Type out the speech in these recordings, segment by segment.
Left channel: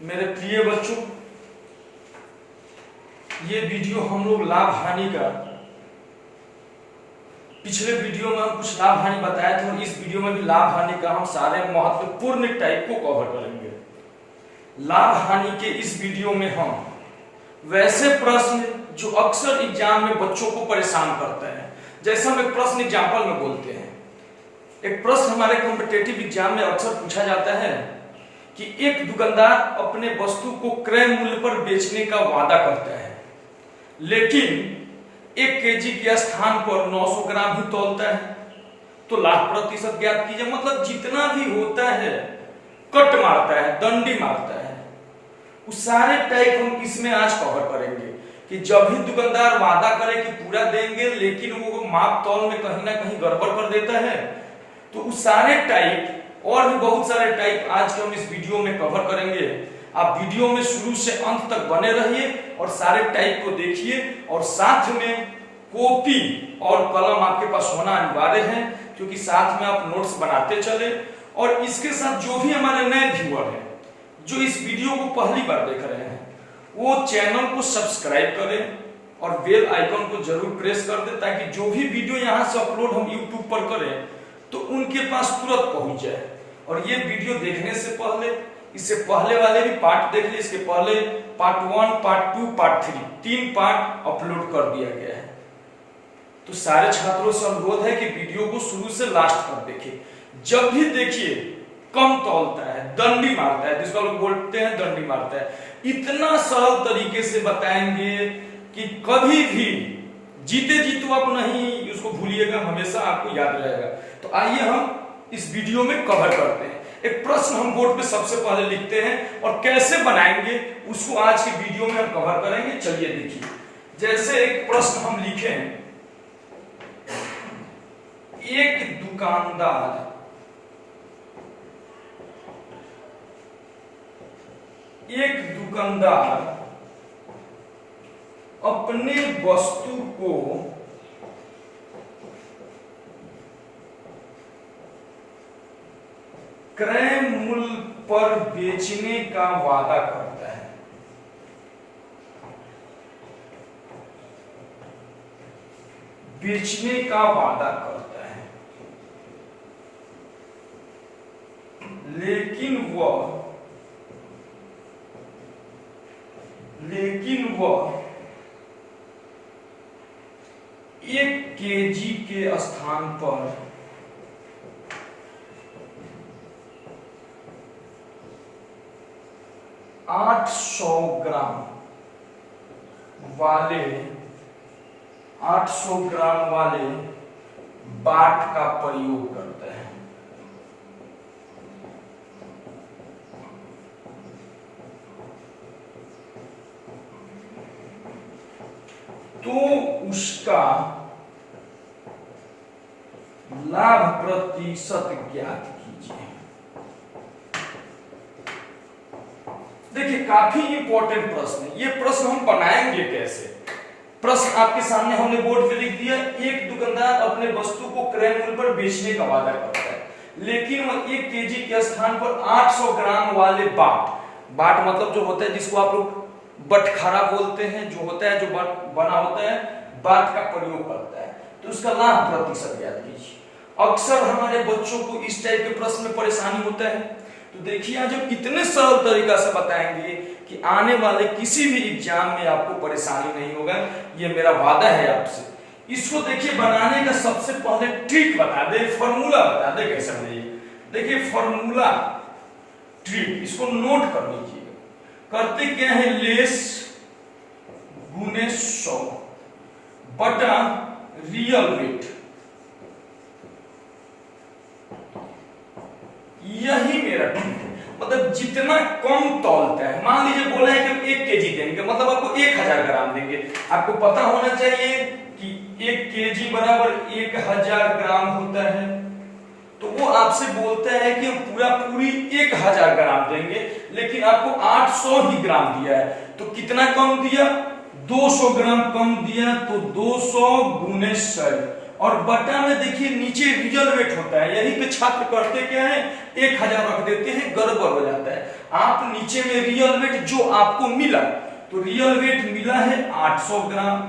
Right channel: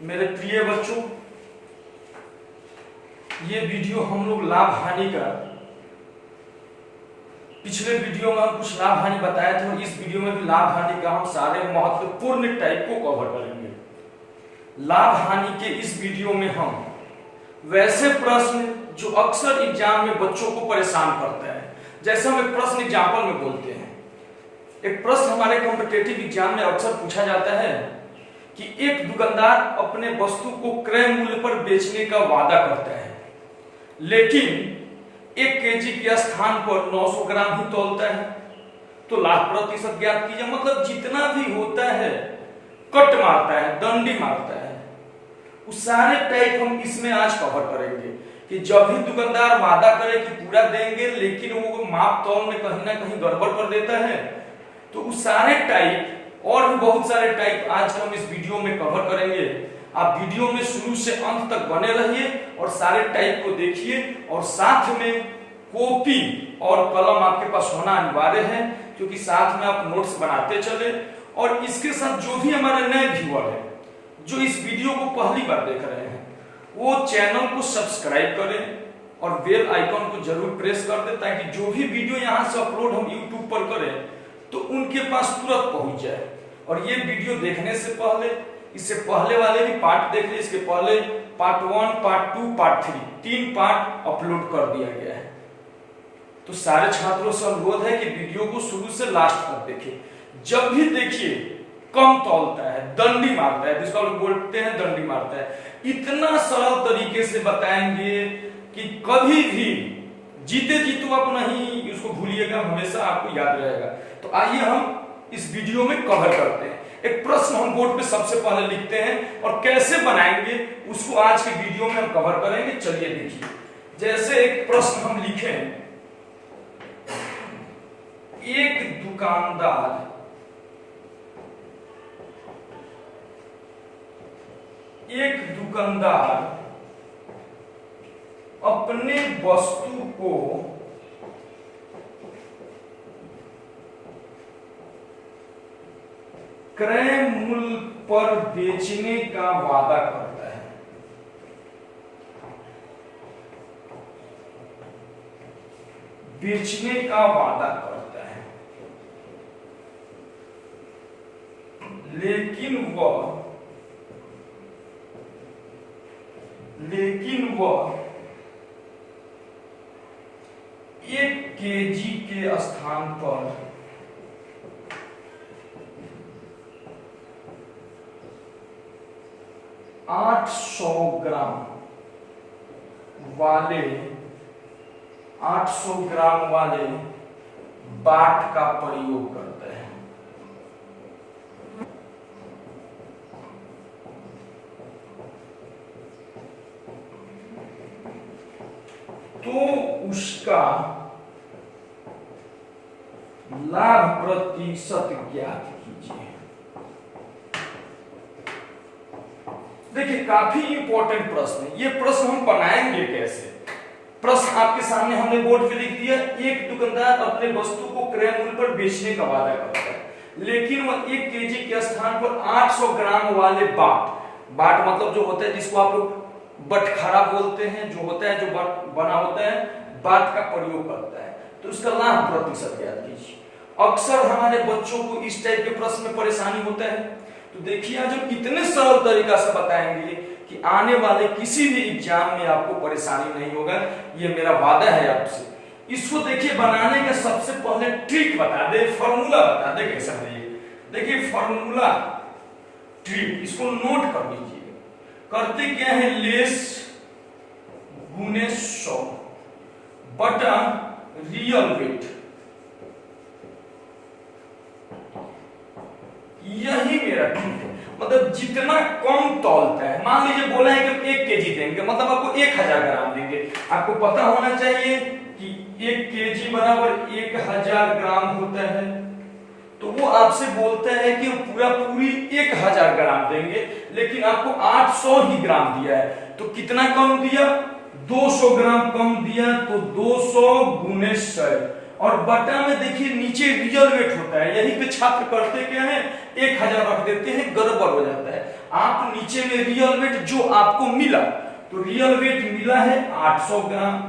मेरे प्रिय बच्चों, ये वीडियो हम लोग लाभ हानि का, पिछले वीडियो में हम कुछ लाभ हानि बताए थे और इस वीडियो में भी लाभ हानि का हम सारे महत्वपूर्ण टाइप को कवर करेंगे। लाभ हानि के इस वीडियो में हम वैसे प्रश्न जो अक्सर एग्जाम में बच्चों को परेशान करते हैं, जैसे हम एक प्रश्न एग्जाम्पल में बोलते हैं। एक प्रश्न हमारे कॉम्पिटिटिव एग्जाम में अक्सर पूछा जाता है कि एक दुकानदार अपने वस्तु को क्रय मूल्य पर बेचने का वादा करता है, लेकिन 1 केजी के स्थान पर 900 ग्राम ही तौलता है, तो लाभ प्रतिशत ज्ञात कीजिए। मतलब जितना भी होता है कट मारता है, दंडी मारता है, उस सारे टाइप हम इसमें आज कवर करेंगे कि जब भी दुकानदार वादा करे कि पूरा देंगे लेकिन वो माप तौल में कहीं ना कहीं गड़बड़ कर देता है, तो उस सारे टाइप और भी बहुत सारे टाइप आज के हम इस वीडियो में कवर करेंगे। आप वीडियो में शुरू से अंत तक बने रहिए और सारे टाइप को देखिए, और साथ में कॉपी और कलम आपके पास होना अनिवार्य है, क्योंकि साथ में आप नोट्स बनाते चले। और इसके साथ जो भी हमारे नए व्यूअर हैं जो इस वीडियो को पहली बार देख रहे हैं, वो चैनल को सब्सक्राइब करें और बेल आइकन को जरूर प्रेस कर दें, ताकि जो भी वीडियो यहाँ से अपलोड हम यूट्यूब पर करें तो उनके पास तुरंत पहुंच जाए। और ये वीडियो देखने से पहले इससे पहले वाले भी पार्ट देख लीजिए। इसके पहले part 1, part 2, part 3 3 part upload कर दिया गया है। तो सारे छात्रों से अनुरोध है कि वीडियो को शुरू से लास्ट तक देखिए। जब भी देखिए कम तौलता है, दंडी मारता है, जिसको लोग बोलते हैं दंडी मारता है, इतना सरल तरीके से बताएंगे कि कभी भी जीते जी तो आप नहीं उसको भूलिएगा, हमेशा आपको याद रहेगा। तो आइए हम इस वीडियो में कवर करते हैं। एक प्रश्न हम बोर्ड पे सबसे पहले लिखते हैं और कैसे बनाएंगे उसको आज के वीडियो में हम कवर करेंगे। चलिए देखिए, जैसे एक प्रश्न हम लिखे हैं, एक दुकानदार अपने वस्तु को क्रय मूल्य पर बेचने का वादा करता है। बेचने का वादा करता है, लेकिन वह 1 केजी के स्थान पर 800 ग्राम वाले बाट का प्रयोग करता है। तो उसका लाभ प्रतिशत ज्ञात कीजिए। देखिए, काफी इंपॉर्टेंट प्रश्न है। ये प्रश्न हम बनाएंगे कैसे? प्रश्न आपके सामने हमने बोर्ड पे लिख दिया। एक दुकानदार अपने वस्तु को क्रय मूल्य पर बेचने का वादा करता है, लेकिन वह 1 केजी के स्थान पर 800 ग्राम वाले बाट मतलब जो होता है जिसको आप लोग बटखरा बोलते हैं, जो होता है जो बना होता है, बाट का प्रयोग करता है। तो उसका लाभ प्रतिशत ज्ञात कीजिए। अक्सर हमारे बच्चों को इस टाइप के प्रश्न में परेशानी होता है। तो देखिए, आज हम इतने सरल तरीका से बताएंगे कि आने वाले किसी भी एग्जाम में आपको परेशानी नहीं होगा, ये मेरा वादा है आपसे। इसको देखिए, बनाने का सबसे पहले ट्रिक बता दे, फॉर्मूला बता दे कैसे बनाइए। देखिए, फॉर्मूला ट्रिक, इसको नोट कर लीजिए। करते क्या है, लेस गुने 100 बटा रियल वेट, यही मेरा ट्रिक है। मतलब जितना कम तौलता है, मान लीजिए बोला है कि 1 केजी देंगे, मतलब आपको 1000 ग्राम देंगे। आपको पता होना चाहिए कि 1 केजी बराबर 1000 ग्राम होता है। तो वो आपसे बोलता है कि हम पूरी 1000 ग्राम देंगे, लेकिन आपको 800 ही ग्राम दिया है। तो कितना कम दिया? 200 ग्राम कम दिया। तो 200 गुने 100 और बटा में देखिए नीचे रियल वेट होता है। यही पे छात्र करते क्या है, 1000 रख देते हैं, गड़बड़ हो जाता है। आप नीचे में रियल वेट जो आपको मिला, तो रियल वेट मिला है 800 ग्राम,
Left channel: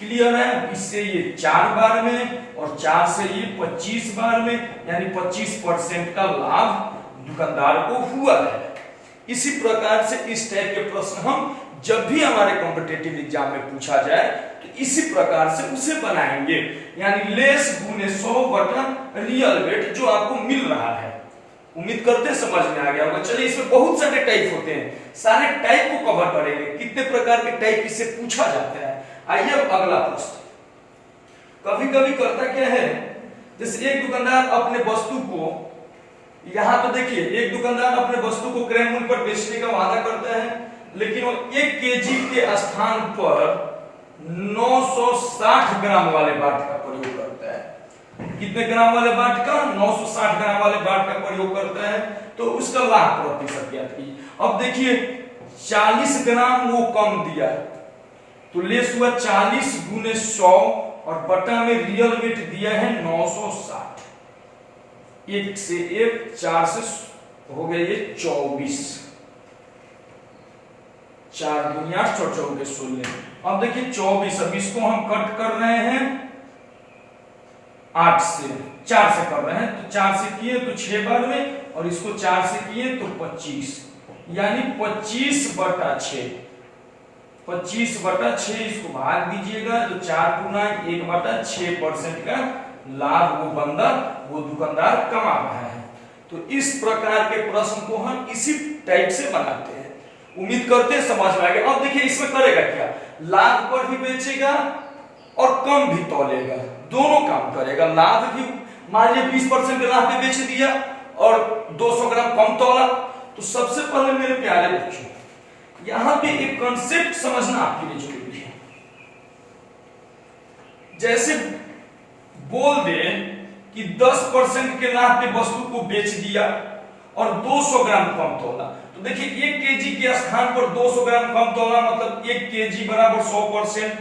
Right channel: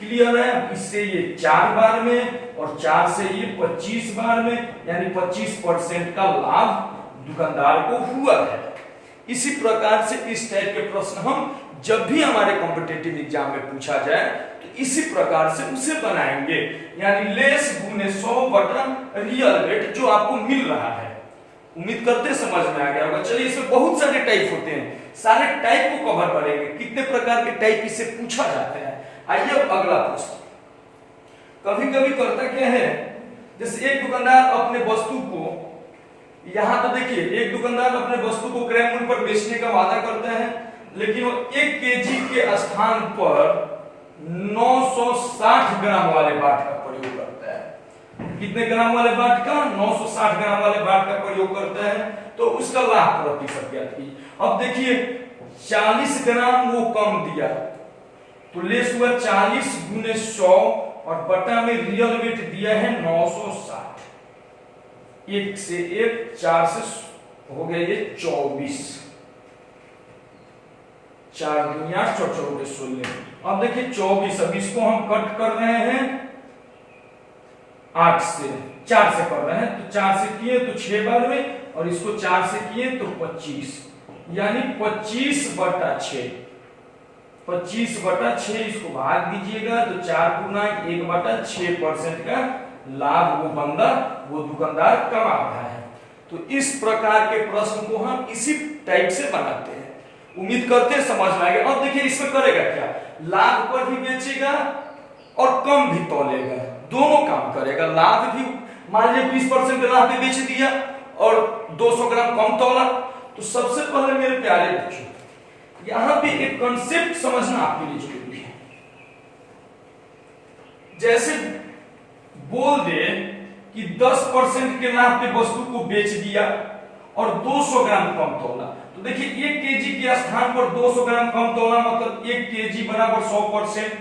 क्लियर है। इससे ये 4 बार में और 4 से ये 25 बार में, यानी 25% का लाभ दुकानदार को हुआ है। इसी प्रकार से इस टाइप के प्रश्न हम जब भी हमारे कॉम्पिटिटिव एग्जाम में पूछा जाए तो इसी प्रकार से उसे बनाएंगे, यानी लेस गुने 100 बटा रियल वेट जो आपको मिल रहा है। उम्मीद करते समझ में आ गया होगा। चलिए, इसमें बहुत सारे टाइप होते हैं, सारे टाइप को कवर करेंगे, कितने प्रकार के टाइप इससे पूछा जाता है। आइए अब अगला प्रश्न। कभी कभी करता क्या है, जैसे एक दुकानदार अपने वस्तु को, यहां तो देखिए एक दुकानदार अपने वस्तु को क्रय मूल्य पर बेचने का वादा करता है, लेकिन वो 1 केजी के स्थान पर 960 ग्राम वाले बाट का प्रयोग करता है। कितने ग्राम वाले बाट का? 960 ग्राम वाले बाट का प्रयोग करता है। तो उसका लाभ प्रतिशत ज्ञात कीजिए। अब देखिए 40 ग्राम वो कम दिया, तो लेस हुआ 40 गुने 100 और बटा में रियल वेट दिया है 960। 1 से 1, 4 से हो गया ये 24, 4 दुनिया 4 16। अब देखिए 24, अब इसको हम कट कर रहे हैं 8 से, 4 से कर रहे हैं, तो 4 से किए तो 6 बार में, और इसको 4 से किए तो 25, यानी 25 बटा 6। 25 बटा 6 इसको भाग दीजिएगा तो 4 गुना 1 बटा 6% का लाभ वो बंदा, वो दुकानदार कमा रहा है। तो इस प्रकार के प्रश्न को हम इसी टाइप से बनाते हैं। उम्मीद करते हैं समझ में आ गया। अब देखिए इसमें करेगा क्या, लाभ पर भी बेचेगा और कम भी तौलेगा, दोनों काम करेगा। लाभ भी मान लीजिए 20% के लाभ पे बेच दिया और 200 ग्राम कम तौला। तो सबसे पहले मेरे प्यारे बच्चों, यहां पे एक कॉन्सेप्ट समझना आपके लिए जरूरी है। जैसे बोल दे कि 10% के लाभ पे वस्तु को बेच दिया और 200 ग्राम कम तौला, तो देखिए 1 केजी के स्थान पर 200 ग्राम कम तौला, मतलब 1 केजी बराबर 100%,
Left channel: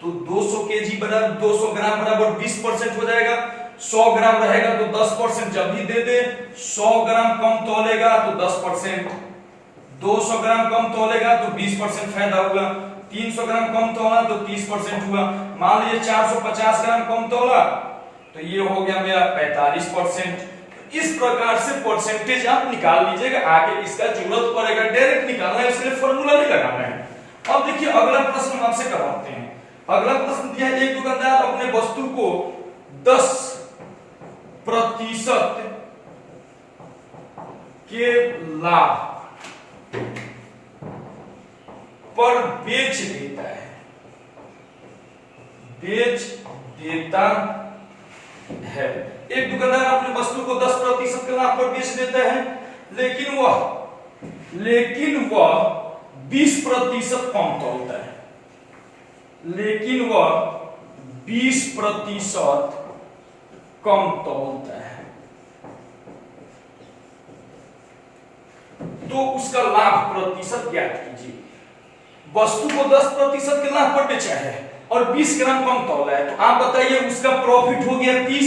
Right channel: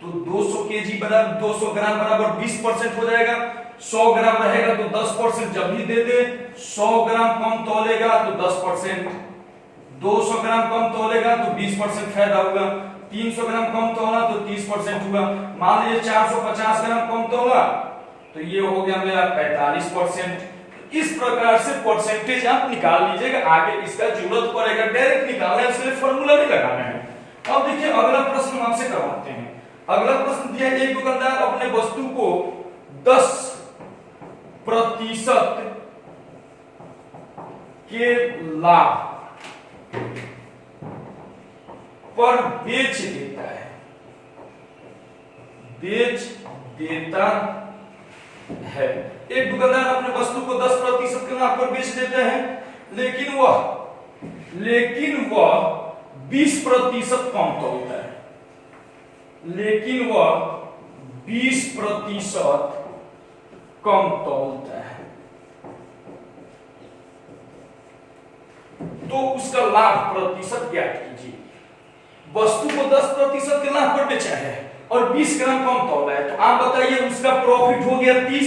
तो 200 केजी बराबर 200 ग्राम बराबर 20% हो जाएगा। 100 ग्राम रहेगा तो 10% जब भी दे दे, 100 ग्राम कम तौलेगा तो 10%, 200 ग्राम कम तौलेगा तो 20% फायदा होगा, 300 ग्राम कम तौला तो 30% हुआ। मान लीजिए 450 ग्राम कम तौला तो ये हो गया मेरा 45%। इस प्रकार से परसेंटेज आप निकाल लीजिएगा। आगे इसका जरूरत पड़ेगा, डायरेक्ट निकालना है, इसके लिए फॉर्मूला नहीं लगाना है। अब देखिए अगला प्रश्न हम आपसे करवाते हैं। अगला प्रश्न दिया, एक दुकानदार अपने वस्तु को 10% के लाभ पर बेच देता है, बेच देता है। एक दुकानदार अपने वस्तु को 10% के लाभ पर बेच देता है, लेकिन वह 20% कम तौलता है, लेकिन वह 20% कम तौलता है, तो उसका लाभ प्रतिशत ज्ञात कीजिए। वस्तु को 10% के लाभ पर बेचा है और 20 ग्राम कम तौला है, तो आप बताइए उसका प्रॉफिट हो गया 30,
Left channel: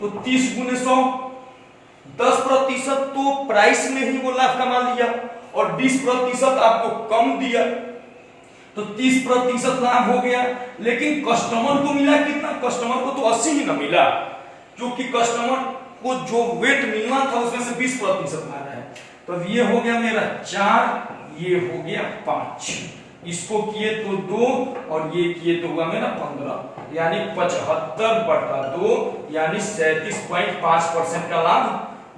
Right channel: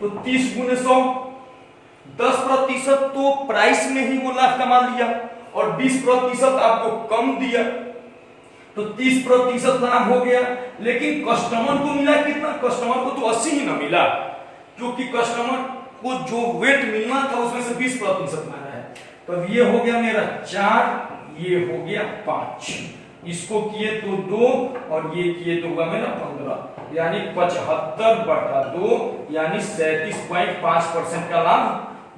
तो 30 गुने 100, 10% तो प्राइस में ही वो लाभ कमा लिया और 20% आपको कम दिया, तो 30% लाभ हो गया। लेकिन कस्टमर को मिला कितना? कस्टमर को तो 80 ही ना मिला, क्योंकि कस्टमर को जो वेट मिलना था उसमें से 20% मारा है। तो ये हो गया मेरा 4, ये हो गया 5, इसको किए तो 2 और ये किए तो हुआ मेरा 15, यानी 75/2, यानी 37.5% का लाभ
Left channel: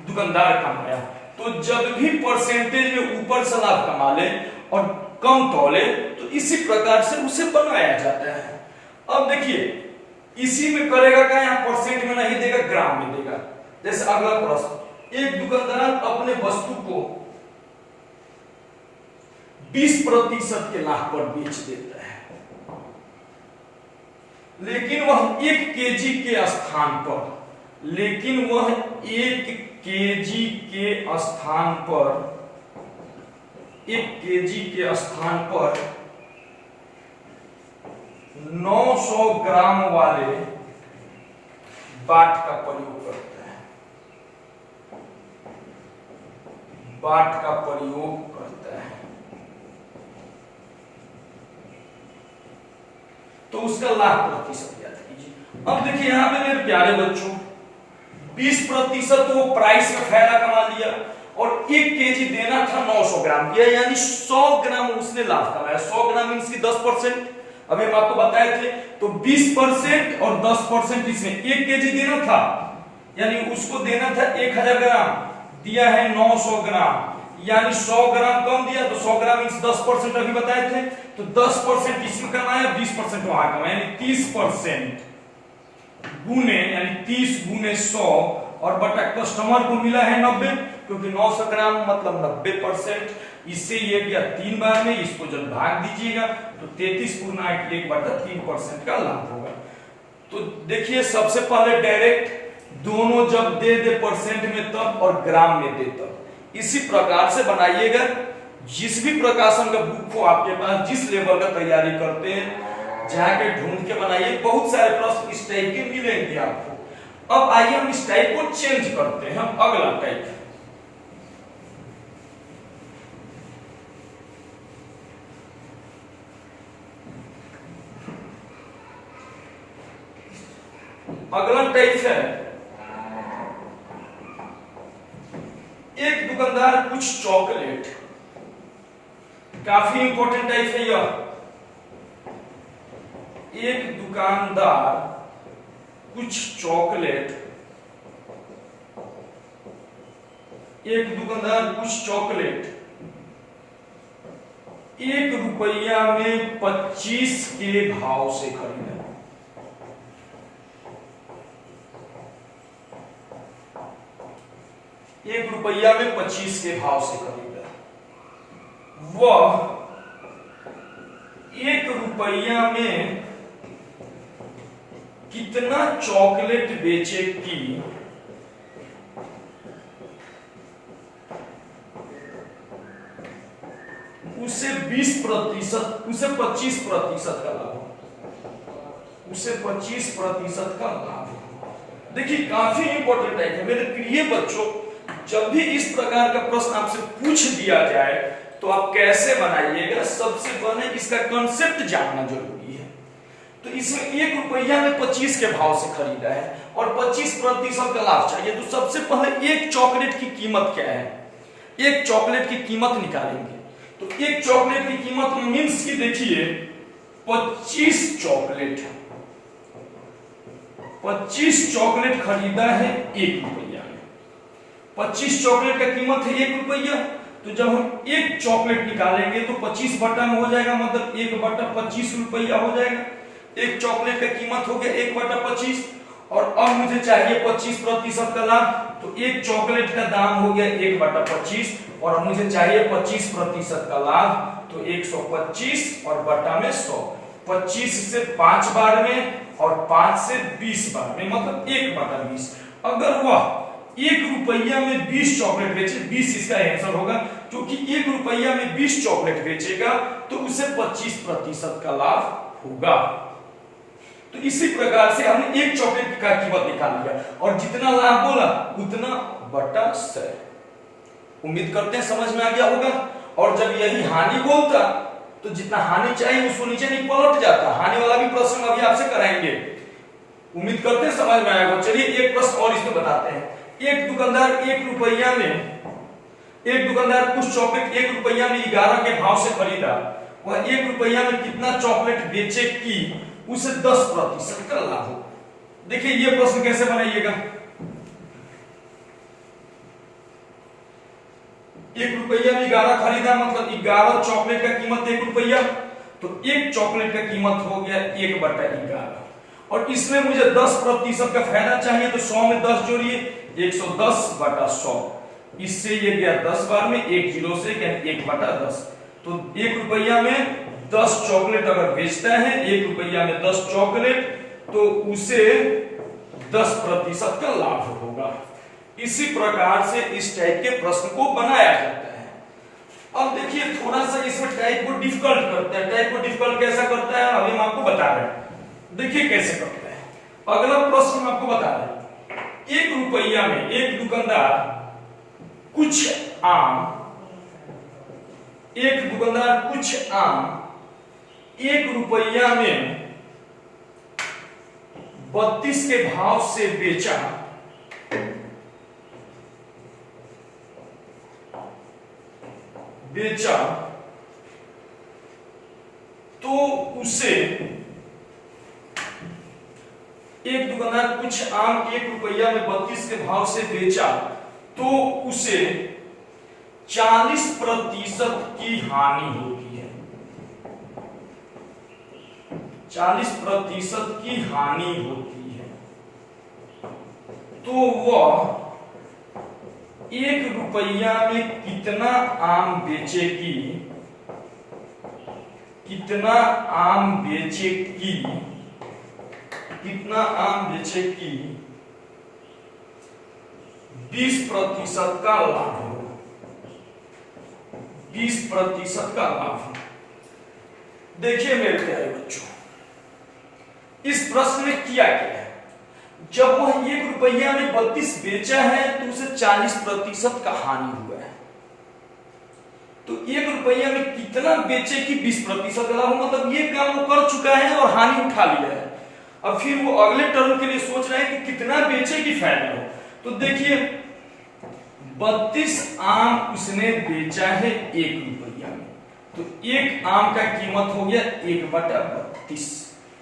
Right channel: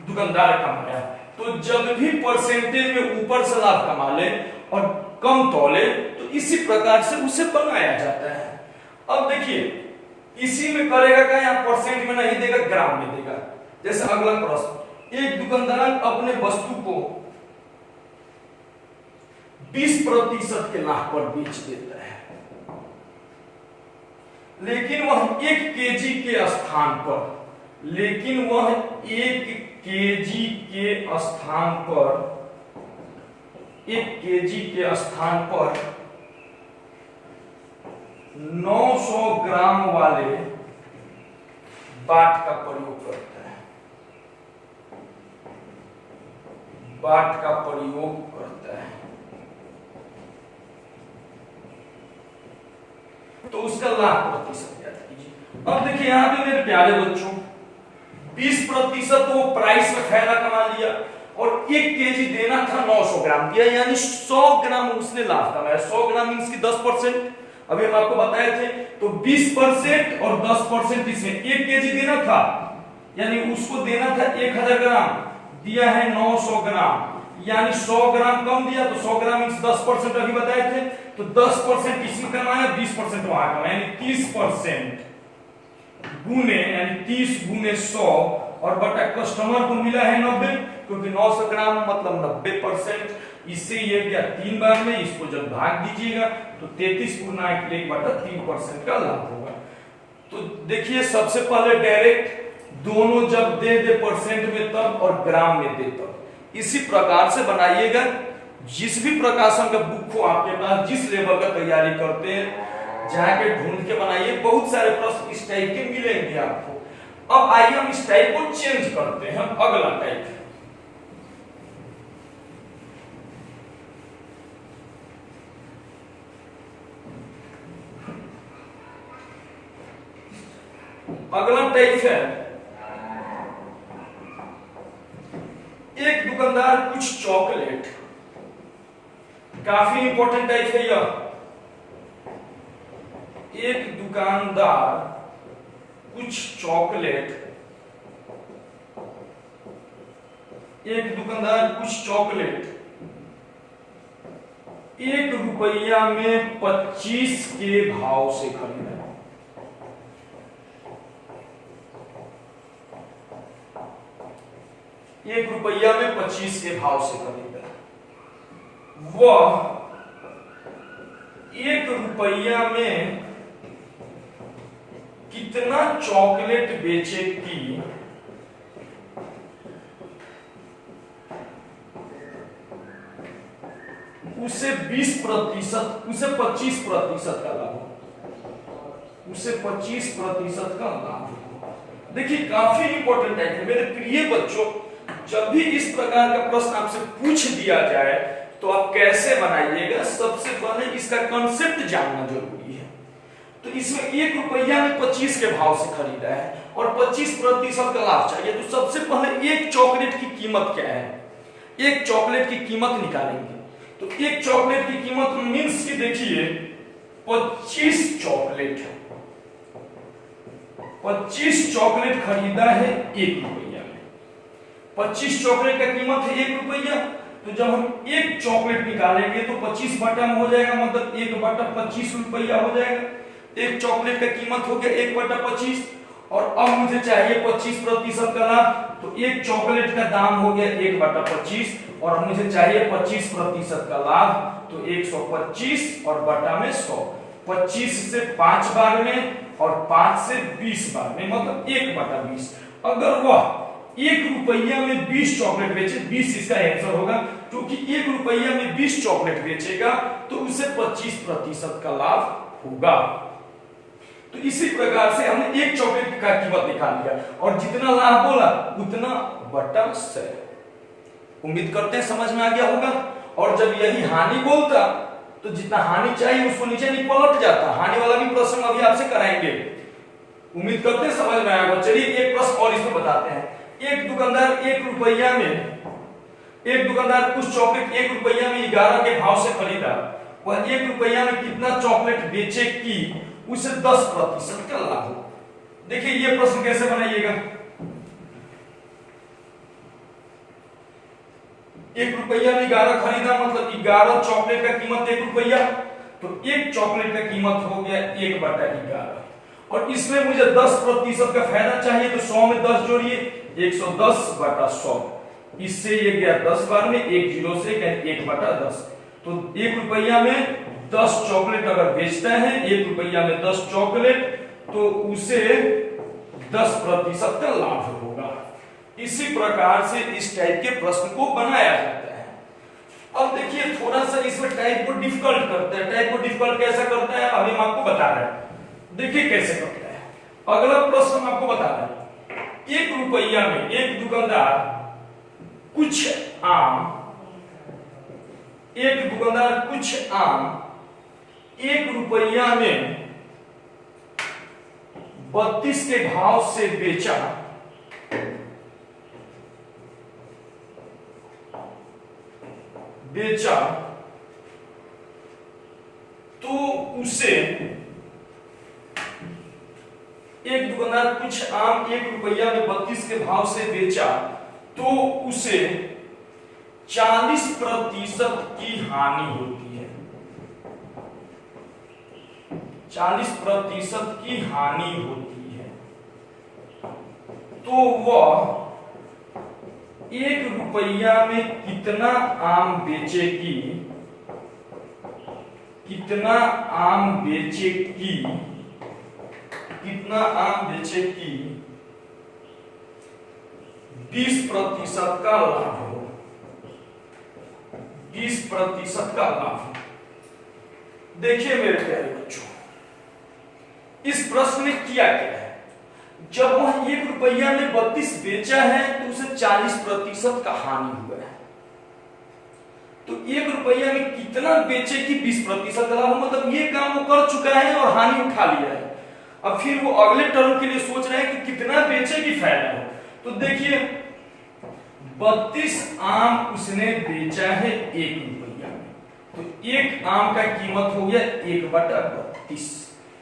दुकानदार कमाया। तो जब भी परसेंटेज में ऊपर से लाभ कमा ले और कम तौले, तो इसी प्रकार से उसे बनाया जाता है। अब देखिए इसी में करेगा क्या, यहाँ परसेंट में नहीं देगा, ग्राम में देगा। जैसे अगला प्रश्न, एक दुकानदार अपने वस्तु को 20% के लाभ पर बेच देता है, लेकिन वह 1 केजी के स्थान पर, लेकिन वह 1 केजी के स्थान पर 1 केजी के स्थान पर 900 ग्राम वाले बाट का प्रयोग करता है, बाट का प्रयोग करता है, तो उसका लाभ प्रतिशत याद कीजिए। अब देखिए यहां पे मेरे प्यारे बच्चों 20% वो प्राइस में फायदा कमा लिया और 1 केजी देना था 900 ग्राम दिया, यानी 100 ग्राम उसने लाभ कमाया। 100 ग्राम मींस की 10%, अभी हम आपको बताए थे। तो 20% और 10% इसमें 1 केजी देना था, यानी उसको देना था 1000 ग्राम, दिया है 900 ग्राम, यानी 100 ग्राम कम दिया, तो 100 ग्राम मींस 10% अभी बताए थे। तो 10% इसमें कमाया, 20% वहां कमाया, यानी 30% गुने, यानी 30 गुने 100 और बटा कस्टमर को मिला है 90, क्योंकि 900 ग्राम मतलब 90%। इससे ये गया 3 बार में, इसको जब भाग दीजिएगा तो 33 गुना 1/3% का लाभ होगा। तो देखिए सबसे पहले डायरेक्ट दोनों जब दे दे परसेंट में तब और ग्राम में दे तब। इसी प्रकार से बनाइएगा। जिस भी प्रकाशन का बुक हो आपके पास, जिस लेवल का तैयारी करते हैं, जाके ढूंढ के बनाइए। बहुत सारे प्रश्न इस टाइप के मिलेंगे आपको। अब आइए हम इस टाइप को चेंज करते हैं। हम अगला टाइप, अगला टाइप है, एक दुकानदार कुछ चॉकलेट, काफी इंपॉर्टेंट टाइप है यह। एक दुकानदार कुछ चॉकलेट, एक दुकानदार कुछ चॉकलेट 1 रुपया में 25 के भाव से खरीदा। एक रुपया में 25 के भाव से खरीदा। वह 1 रुपया में कितना चॉकलेट बेचे कि उसे 20%, उसे 25% का लाभ हो, उसे 25% का लाभ हो। देखिए काफी इंपॉर्टेंट है मेरे प्रिय बच्चों। जब भी इस प्रकार का प्रश्न आपसे पूछ दिया जाए तो आप कैसे बनाइएगा, सबसे पहले इसका कंसेप्ट जानना जरूरी है। तो इसमें 1 रुपया में 25 के भाव से खरीदा है और 25% का लाभ चाहिए। तो सबसे पहले एक चॉकलेट की कीमत क्या है, एक चॉकलेट की कीमत निकालेंगे। तो एक चॉकलेट की कीमत मींस की देखिए 25 चॉकलेट, 25 चॉकलेट खरीदा है 1 रुपया में। 25 चॉकलेट का कीमत है 1 रुपया। तो जब हम एक चॉकलेट निकालेंगे तो 25 बटा में हो जाएगा, मतलब 1/25 रुपया हो जाएगा। एक चॉकलेट का कीमत हो गया 1/25 और अब मुझे चाहिए 25% का लाभ। तो एक चॉकलेट का दाम हो गया 1/25 और मुझे चाहिए 25% का लाभ। तो 125 और बटा में 100, 25 से 5 बार में और 5 से 20 बार में, मतलब 1/20। अगर वह 1 रुपया में 20 चॉकलेट बेचे, 20 इसका आंसर होगा, क्योंकि 1 रुपया में 20 चॉकलेट बेचेगा तो उसे 25% का लाभ होगा। तो इसी प्रकार से हमने एक चॉकलेट का कीमत निकाल लिया और जितना लाभ बोला उतना बटा 100। उम्मीद करते हैं समझ में आ गया होगा। और जब यही हानि बोलता तो जितना हानि चाहिए उसको नीचे नहीं पलट जाता। हानि वाला भी प्रश्न अभी आपसे कराएंगे, उम्मीद करते हैं समझ में आएगा। चलिए एक प्रश्न और इसमें बताते हैं। एक दुकानदार 1 रुपया में, एक दुकानदार कुछ चॉकलेट 1 रुपया में 11 के भाव से खरीदा। वह 1 रुपया में कितना चॉकलेट बेचे कि उसे 10% का लाभ हो। देखिए ये प्रश्न कैसे बनाइएगा। 1 रुपया में 11 खरीदा, मतलब 11 चॉकलेट का कीमत 1 रुपया। तो एक चॉकलेट का कीमत हो गया 1/11 और इसमें मुझे 10% का फायदा चाहिए। तो 100 में 10 जोड़िए, 110/100। इससे ये गया 10 बार में, 1 जीरो से 1/10। तो 1 रुपया में 10 चॉकलेट अगर बेचता है, 1 रुपया में 10 चॉकलेट, तो उसे 10% का लाभ होगा। इसी प्रकार से इस टाइप के प्रश्न को बनाया जाता है। अब देखिए थोड़ा सा इसमें टाइप को डिफिकल्ट करते हैं। टाइप को डिफिकल्ट कैसा करता है अभी हम आपको बता रहे हैं। देखिए कैसे करता है। अगला प्रश्न हम आपको बता रहे हैं। एक रुपया में एक दुकानदार कुछ आम, एक दुकानदार कुछ आम 1 रुपया में 32 के भाव से बेचा, तो उसे एक दुकानदार कुछ आम 1 रुपया में 32 के भाव से बेचा तो उसे 40% की हानि होती है। 40% की हानि होती है। तो वह 1 रुपया में कितना आम बेचेगी, कितना आम बेचेगी 20% का लाभ हो, 20% का लाभ। देखिए मेरे प्यारे बच्चों, इस प्रश्न में किया क्या है, जब वह 1 रुपया में 32 बेचा है तो उसे 40% का हानि हुआ है। तो 1 रुपया में कितना बेचे कि 20% का लाभ, मतलब ये काम वो कर चुका है और हानि उठा लिया है। अब फिर वो अगले टर्म के लिए सोच रहे हैं कि कितना बेचे कि फायदा हो। तो देखिए 32 आम उसने बेचा है 1 रुपया में, तो एक आम का कीमत हो गया 1/32।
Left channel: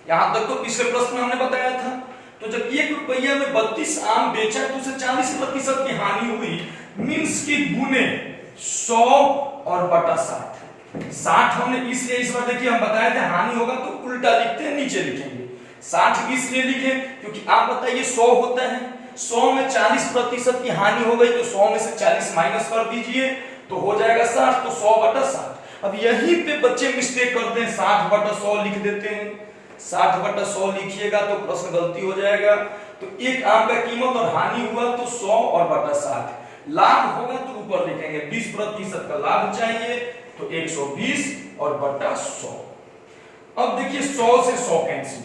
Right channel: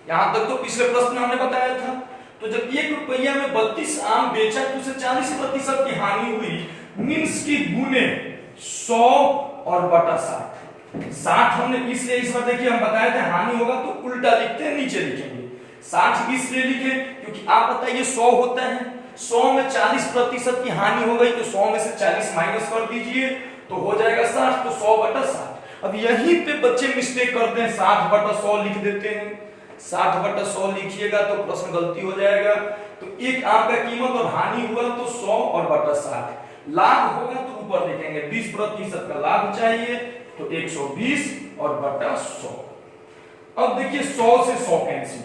यहां तक तो पिछले प्रश्न में हमने बताया था। तो जब 1 रुपया में 32 आम बेचा तो उसे 40% की हानि हुई, मीन्स की गुने 100 और बटा 60। 60 हमने इसलिए इस बार देखिए हम बताए थे हानि होगा तो उल्टा लिखते हैं, नीचे लिखेंगे। 60 इसलिए लिखे क्योंकि आप बताइए 100 होता है, 100 में 40% की हानि हो गई तो 100 में से 40 माइनस कर दीजिए तो हो जाएगा 60, तो 100/60। अब यहीं पे बच्चे मिस्टेक करते हैं, 60/100 लिख देते हैं। 60/100 लिखिएगा तो प्रश्न गलती हो जाएगा। तो एक आम का कीमत और हानि हुआ तो 100 और बटा 60। लाभ होगा तो ऊपर लिखेंगे 20% का लाभ चाहिए तो 120 और बटा 100। अब देखिए 100 से 100 कैंसिल,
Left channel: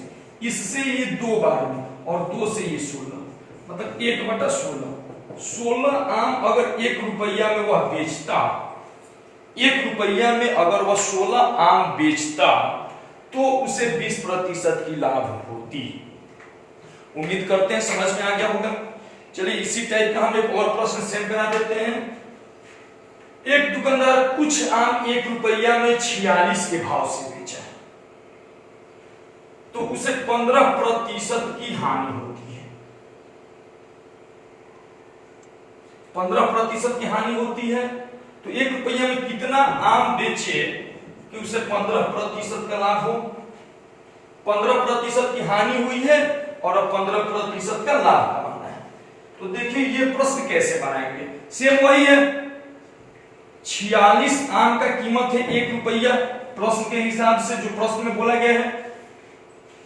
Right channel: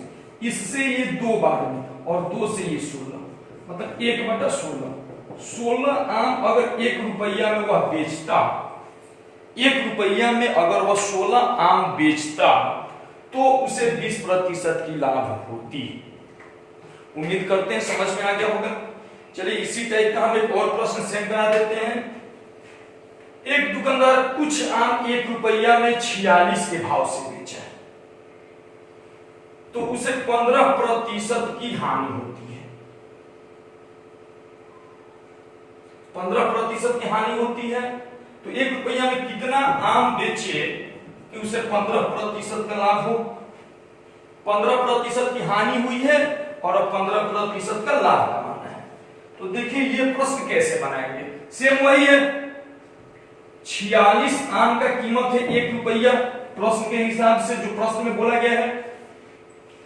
इससे ये 2 बार में और 2 से ये 16, मतलब 1/16। 16 आम अगर 1 रुपया में वह बेचता, 1 रुपया में अगर वह 16 आम बेचता तो उसे 20% की लाभ होती। उम्मीद करते हैं समझ में आ गया होगा। चलिए इसी टाइप का हम एक और प्रश्न सेम करा देते हैं। एक दुकानदार कुछ आम 1 रुपया में 46 के भाव से बेचा है तो उसे 15% की हानि होती है। 15% की हानि होती है तो 1 रुपया में कितना आम बेचे कि उसे 15% का लाभ हो। 15% की हानि हुई है और अब 15% का लाभ कमाना है। तो देखिए ये प्रश्न कैसे बनाएंगे, सेम वही है। 46 आम का कीमत है 1 रुपया, प्रश्न के हिसाब से जो प्रश्न में बोला गया है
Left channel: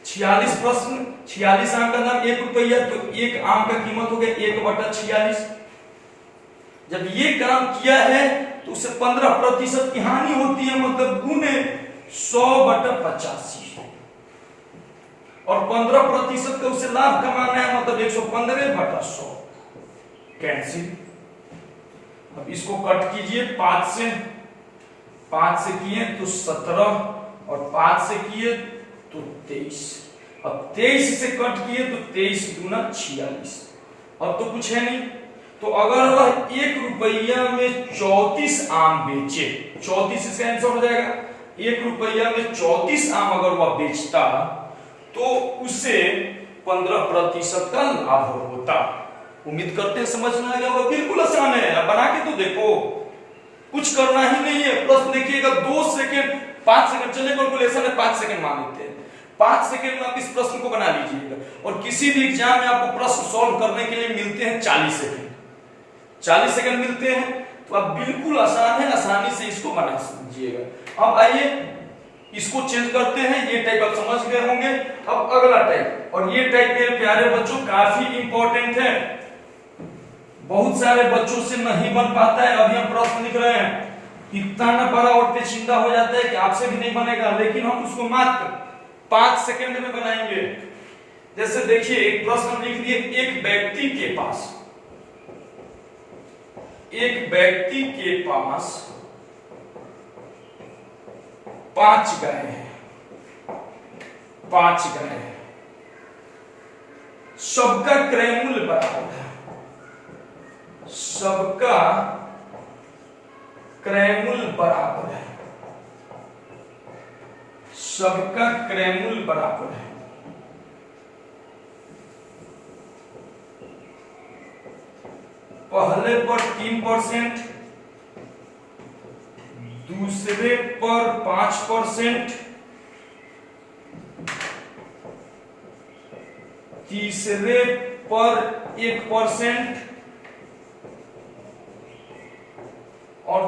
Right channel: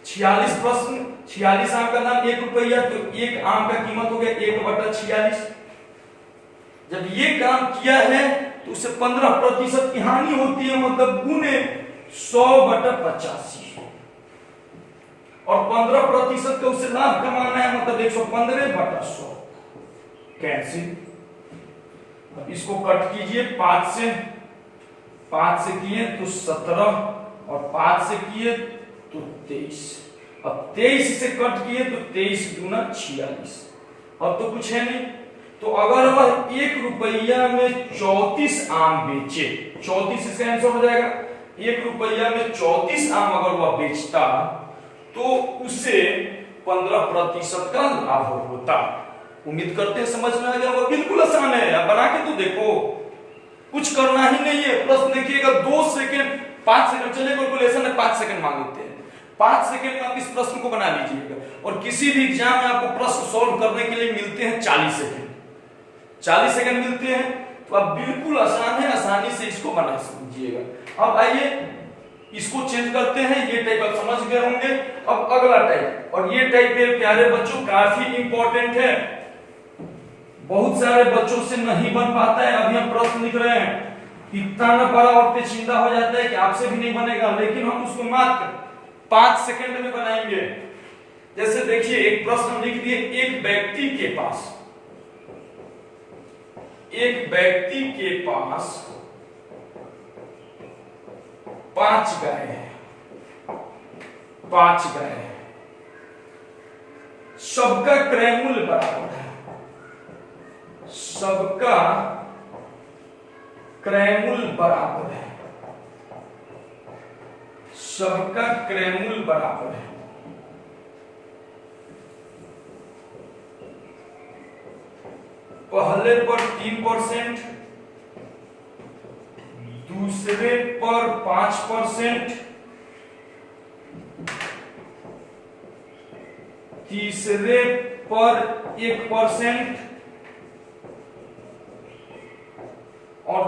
46 आम का दाम 1 रुपया, तो एक आम का कीमत हो गया 1/46। जब ये काम किया है तो उसे 15% की हानि होती है, मतलब गुने 100/85 और 15% का उसे लाभ कमाना है, मतलब 115/100। कैंसिल। अब इसको कट कीजिए 5 से किए तो 17 और 5 से किए तो 23। अब 23 से कट किए तो 23 दूना 46। अब तो कुछ है नहीं। तो अगर वह 1 रुपया में 34 आम बेचे, 34 इसका आंसर हो जाएगा। 1 रुपया में 34 आम अगर वह बेचता तो उसे 15% का लाभ होता। उम्मीद करते हैं समझ में आ गया होगा। बिल्कुल आसान है, अब बना के तो देखो, कुछ करना ही नहीं है। प्रश्न देखिएगा 2 सेकंड 5 सेकंड चले, कैलकुलेशन है 5 सेकंड मान लेते हैं। 5 सेकंड में आप इस प्रश्न को बना लीजिएगा। और किसी भी एग्जाम में आपको प्रश्न सॉल्व करने के लिए मिलते हैं 40 सेकंड, 40 सेकंड मिलते हैं। तो आप बिल्कुल आसान है, आसानी से इसको बना लीजिएगा। अब आइए इसको चेंज करते हैं। ये टाइप आप समझ गए होंगे। अब अगला टाइप, और ये टाइप मेरे प्यारे बच्चों काफी इंपॉर्टेंट है, बहुत सारे बच्चों से नहीं बन पाता है। अभी हम प्रश्न लिख रहे हैं, इतना न बड़ा और पेचीदा हो जाता है कि आपसे भी नहीं बनेगा, लेकिन हम उसको मात्र 5 सेकंड में बनाएंगे। जैसे देखिए एक प्रश्न लिख दिए, एक व्यक्ति के पास 5 गाय हैं, 5 गाय हैं, सबका क्रय मूल्य बराबर है, सबका क्रय मूल्य बराबर है, सबका क्रय मूल्य बराबर है। पहले पर 3%, दूसरे पर 5%, तीसरे पर 1% और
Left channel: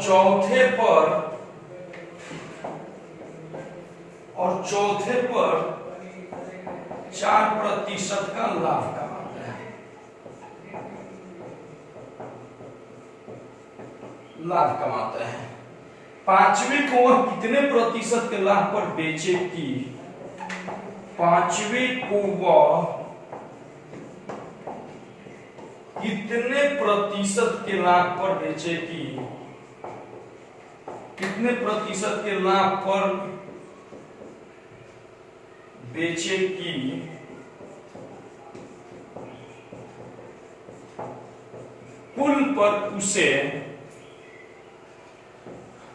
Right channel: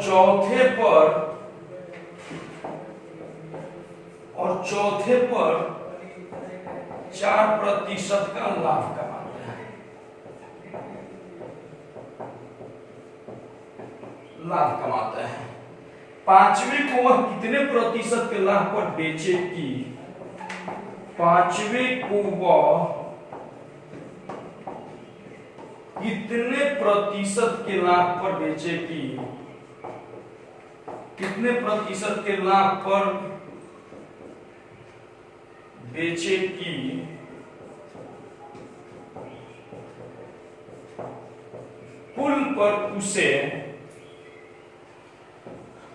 चौथे पर 4% का लाभ कमाता है, लाभ कमाता है। पांचवें को वह कितने प्रतिशत के लाभ पर बेचेगी? पांचवें को वह कितने प्रतिशत के लाभ पर बेचेगी? कितने प्रतिशत के लाभ पर बेचेगी? कुल पर उसे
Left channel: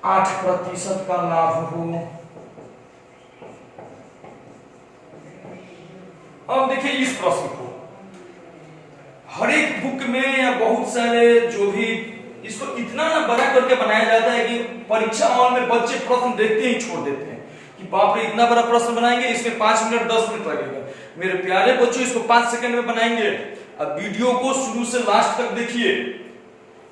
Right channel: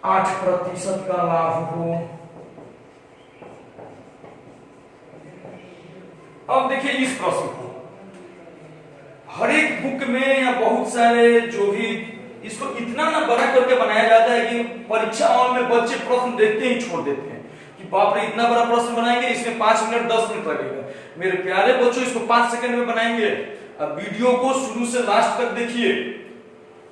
8% का लाभ हो। अब देखिए इस प्रश्न को हर एक बुक में या बहुत सारे जो भी इसको इतना ना बड़ा करके बनाया जाता है कि परीक्षा हॉल में बच्चे प्रश्न देखते ही छोड़ देते हैं कि बाप रे इतना बड़ा प्रश्न बनाएंगे, इसमें 5 मिनट 10 मिनट लगेगा। मेरे प्यारे बच्चों, इसको 5 सेकंड में बनाएंगे। अब वीडियो को शुरू से लास्ट तक देखिए।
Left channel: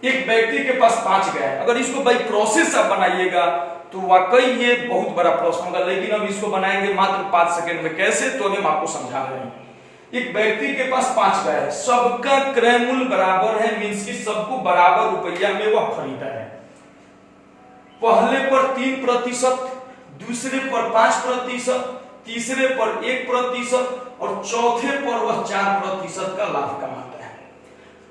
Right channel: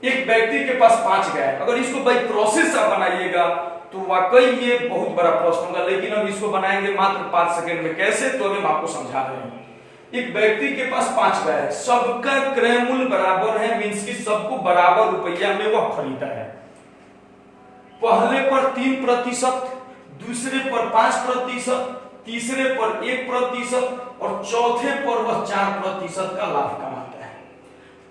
एक व्यक्ति के पास 5 गाय, अगर इसको बाई प्रोसेस आप बनाइएगा तो वाकई ये बहुत बड़ा प्रश्न होगा, लेकिन अब इसको बनाएंगे मात्र 5 सेकंड में। कैसे, तो अभी हम आपको समझा रहे हैं। एक व्यक्ति के पास 5 गाय है, सबका क्रय मूल्य बराबर है, मींस कि सबको बराबर रुपया में वह खरीदा है। पहले पर 3%, दूसरे पर 5%, तीसरे पर 1% और चौथे पर वह 4% का लाभ कमाता है।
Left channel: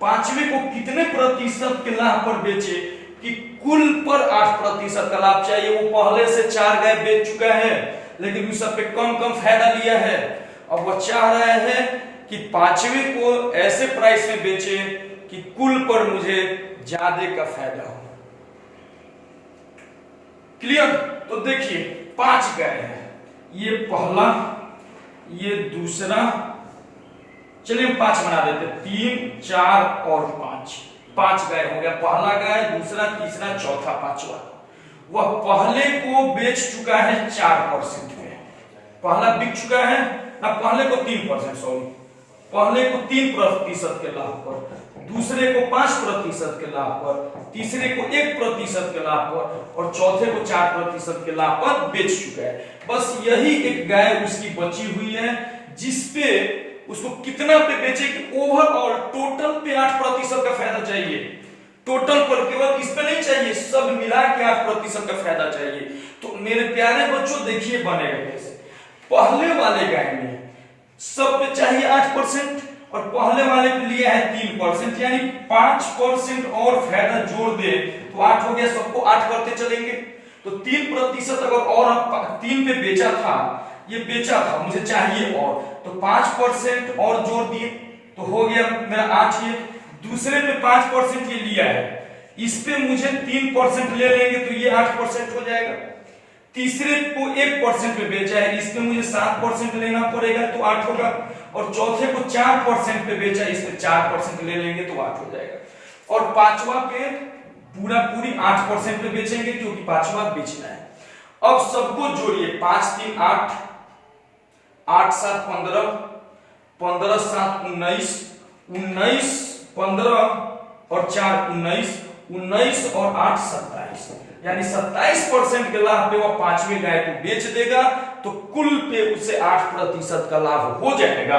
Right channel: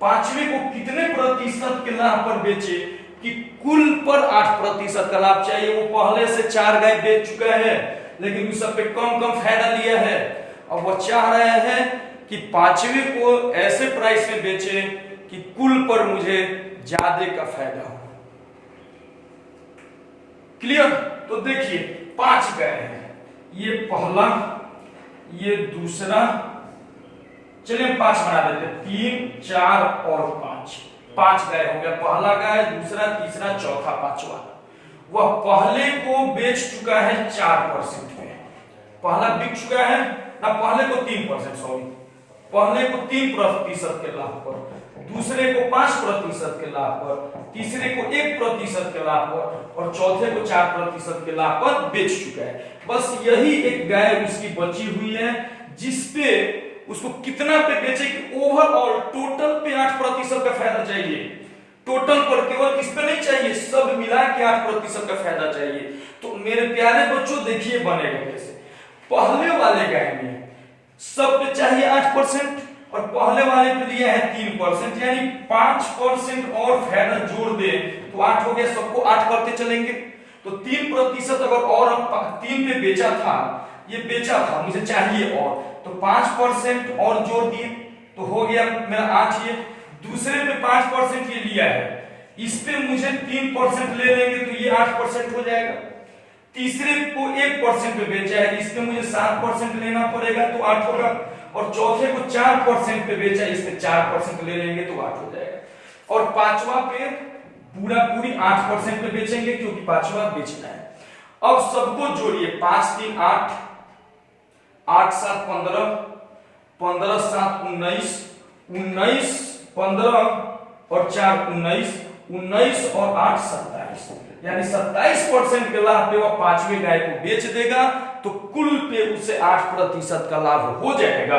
पांचवें को कितने प्रतिशत के लाभ पर बेचे कि कुल पर 8% का लाभ चाहिए। वो पहले से 4 गाय बेच चुका है, लेकिन उस सब पे कम फायदा लिया है। अब वो चाह रहा है कि पांचवें को ऐसे प्राइस में बेचे कि कुल पर मुझे ज्यादा का फायदा हो। क्लियर? तो देखिए 5 गाय है, ये पहला, ये दूसरा, चलिए हम 5 बना देते, 3, 4 और 5, 5 गाय हो गया। पहला गाय, दूसरा, तीसरा, चौथा, 5वां। वह पहले को बेच चुका है 4% में, पहला बिक चुका है ना, पहले को 3%, सॉरी, पहले को 3% के लाभ पर, दूसरे को 5% के लाभ पर, तीसरे को 1% के लाभ पर और चौथे को 4% के लाभ पर बेच चुका है। बस यही एक गाय उसकी बची हुई है, जिसपे उसको कितना पे बेचे कि ओवरऑल टोटल पे 8% का फायदा चाहिए। टोटल पर, केवल इस पे नहीं चाहिए, सब मिला के 8% का फायदा चाहिए। तो मेरे प्यारे बच्चों देखिए बनेगा कैसे। पहले वाले गाय में सब पे चाहिए 8% और पहले वाले पे लिया है 3%, यानी 5% और फायदा जोड़ दे तो 8 हो गया। सबको 8 करते चलेंगे तो 3% अगर और 3 पे बेचा था, ये बेचा था, मुझे चाहिए और, तो 5% और जोड़ दिए तो हो गया मेरा 8। ये दूसरे पे 5% ये लिया है, इस पे मुझे 3% ले लेंगे तो ये 8% हो जाएगा। तीसरे को 1% पे बेचा है, इसमें मुझे 7% लेना पड़ेगा तो 8 होगा। और चौथे को 4% पे बेचा है, इस पे 4% ले लेंगे तो 8 हो जाएगा। और पांचवा पे पूरी 8% पे बेचेंगे क्योंकि पांचवा बेचना है। अब सबको जोड़िए, 5 3 8, 8 7 15, 15 7 19, 19 15 और 4 19, 19 और 8 27, यानी 27% के लाभ पे वह पांचवें गाय को बेच देगा तो कुल पे उसे 8% का लाभ हो जाएगा।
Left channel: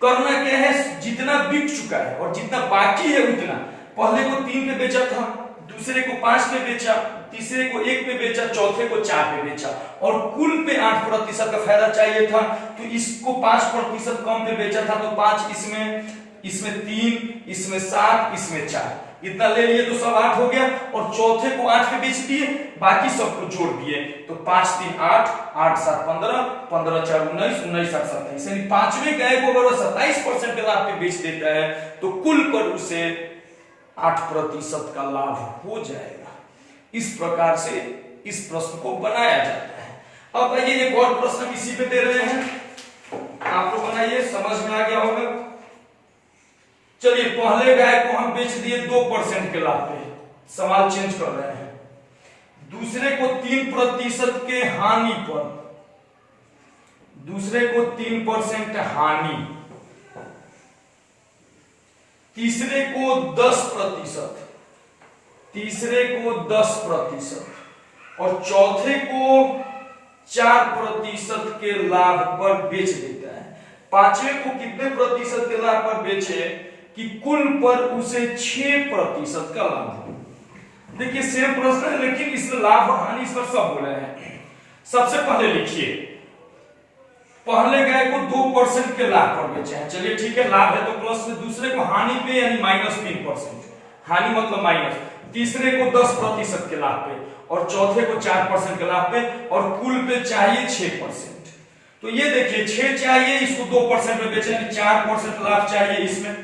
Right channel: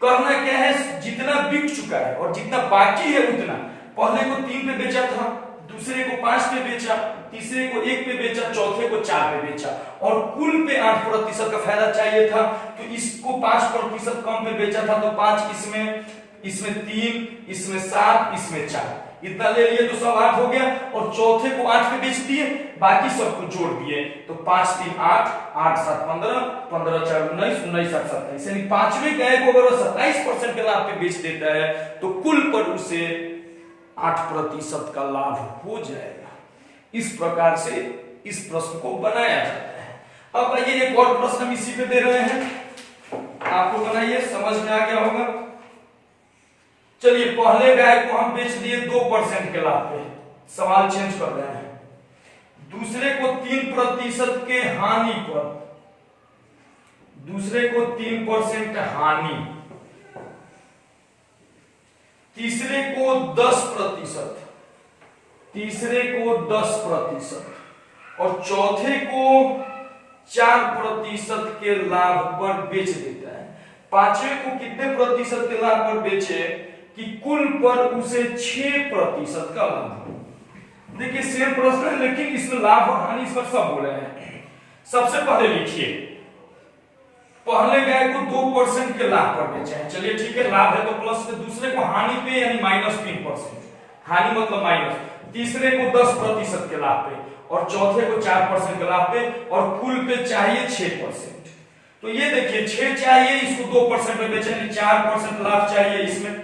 करना क्या है, जितना बिक चुका है और जितना बाकी है उतना, पहले को 3 पे बेचा था, दूसरे को 5 पे बेचा, तीसरे को 1 पे बेचा, चौथे को 4 पे बेचा और कुल पे 8% का फायदा चाहिए था। तो इसको 5% कम पे बेचा था तो 5 इसमें 3, इसमें 7, इसमें 4, इतना ले लिए तो सब 8 हो गया और चौथे को 8 पे बेच दिए, बाकी सबको जोड़ दिए तो 5 3 8, 8 7 15, 15 4 19, 19 8 27, यानी पांचवें गाय को अगर वो 27% के लाभ पे बेच देता है तो कुल पर उसे 8% का लाभ हो जाएगा। इस प्रकार से इस प्रश्न को बनाया जाता है। अब आइए एक और प्रश्न इसी पे दे रहे हैं, आप लोग बनाइए, समझ में आ गया होगा। चलिए पहले गाय को हम बेच दिए 2% के लाभ पे, सवाल चेंज कर रहे हैं। दूसरे को 3% के हानि पर, दूसरे को 3% हानि, तीसरे को 10%, तीसरे को 10% और चौथे को 4% के लाभ पर बेच देता है। पांचवें को कितने प्रतिशत के लाभ पर बेचे कि कुल पर उसे 6% का लाभ हो। देखिए सेम प्रश्न है लेकिन इसमें लाभ और हानि इस पर सब बोले हैं। सबसे पहले लिखिए पहले गाय को 2% के लाभ पर बेचे हैं, चलिए ठीक है, लाभ है तो प्लस में, दूसरे को हानि पे यानी -3%, हानि मतलब माइनस, तीसरे को 10% के लाभ पे और चौथे को 4% के लाभ पे और कुल पे चाहिए 6%। तो ये देखिए 6 चाहिए, इसको 2% पे बेचे हैं, 4% लाभ चाहिए, इसमें